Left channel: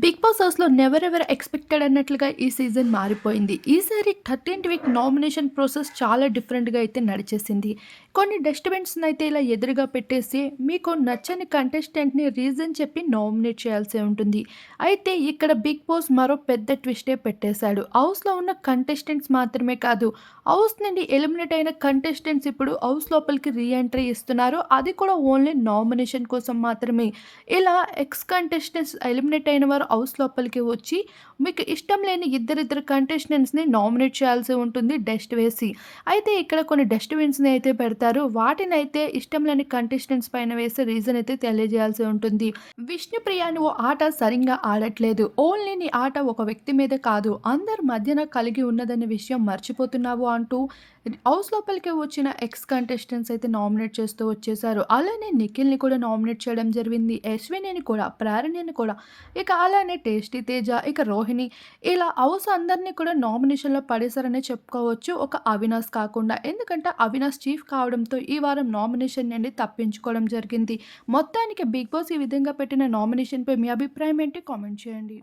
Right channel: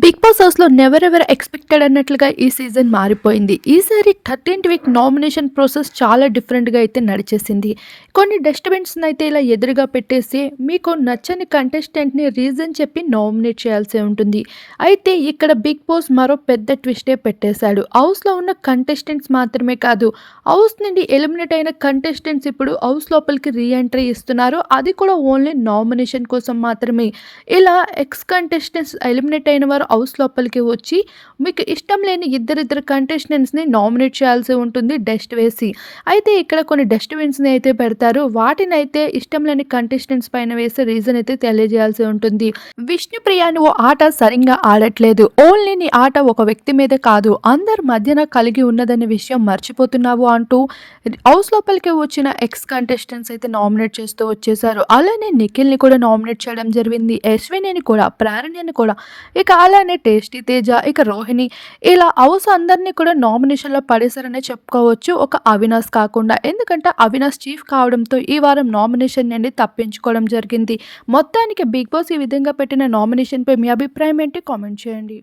Big boss హౌస్లో never ever expected అన్నట్లుగా ఈ సీజన్ మారిపోయింది. ఈసారి థర్టీన్త్ వీక్ నామినేషన్ ప్రాసెస్ చాలా డిఫరెంట్గా అయితే నడిచేసింది. కొన్ని డస్ట్బిన్స్ని అయితే ఇలా ఎదురుగా పెట్టేసి మీకు నచ్చని కంటెస్టెంట్ని రీజన్ చెప్పి నామినేట్ చేయాల్సి ఉంటుంది. అయితే ఇక్కడ బిగ్ బాస్ మరో పెద్ద ట్విస్టే పెట్టేశాడు. హౌస్లో ఉన్న కంటెస్టెంట్స్ మాత్రమే కాదు హౌస్ నుండి ఎలిమినేట్ అయిన కంటెస్టెంట్స్ ఇప్పుడు హౌస్ లోపలికి రీఎంట్రీ ఇస్తున్నారు. అది కూడా ఓన్లీ నామినేషన్ కోసం మాత్రమే. ఇలా ఎక్స్ కంటెస్టెంట్స్ ఎలిమినేట్ అయిన వారు హౌస్ లోపలికి వచ్చి మీకు ఇష్టం లేని ఇద్దరిద్దరు కంటెస్టెంట్స్ని నామినేట్ చేయాల్సి ఉంటుంది డస్ట్ వేసి. అయితే ఇక్కడ కొన్ని డస్ట్బిన్స్ని అయితే పెడతారు. వాటిని అయితే ఇష్టం లేని కంటెస్టెంట్స్ పైన వేసే రీజన్ అయితే తెలియజేయాల్సి ఉంటుంది. విష్ణుప్రియ నువ్వు ఆట సరిగ్గా ఆడట్లేదు. ఓన్లీ నీ ఆట ఒక వ్యక్తి మీద కాదు. అందరి మధ్యన కలిగి ఉన్నదనే విషయం మర్చిపోతున్నావు అంటూ హౌస్ లోపలికి వచ్చిన ఎక్స్ కంటెస్టెంట్స్ అయితే నామినేట్ చేస్తూ వచ్చేసారు అలానే నిఖిల్ని కూడా నామినేట్ చేయడం జరిగింది. అశ్వినిని కూడా ప్రారణ్యని కూడా. ఇక అలానే టేస్టీ తేజ ఇక రోహిణి. ఇలా హౌస్ అందరినీ కూడా నామినేషన్లో పడేశారనే చెప్పుకోవచ్చు. ఒక అవినాష్ కాకుండా ఎందుకంటే అవినాష్ చీఫ్ కావడంతో ఈ వారం నామినేషన్ నుండి తప్పించుకోవడం జరిగింది. మొత్తానికి బిగ్ బాస్ ఈ విధంగా పెట్టిన నామినేషన్పై మీ అభిప్రాయం ఏంటి? కామెంట్ చేయండి.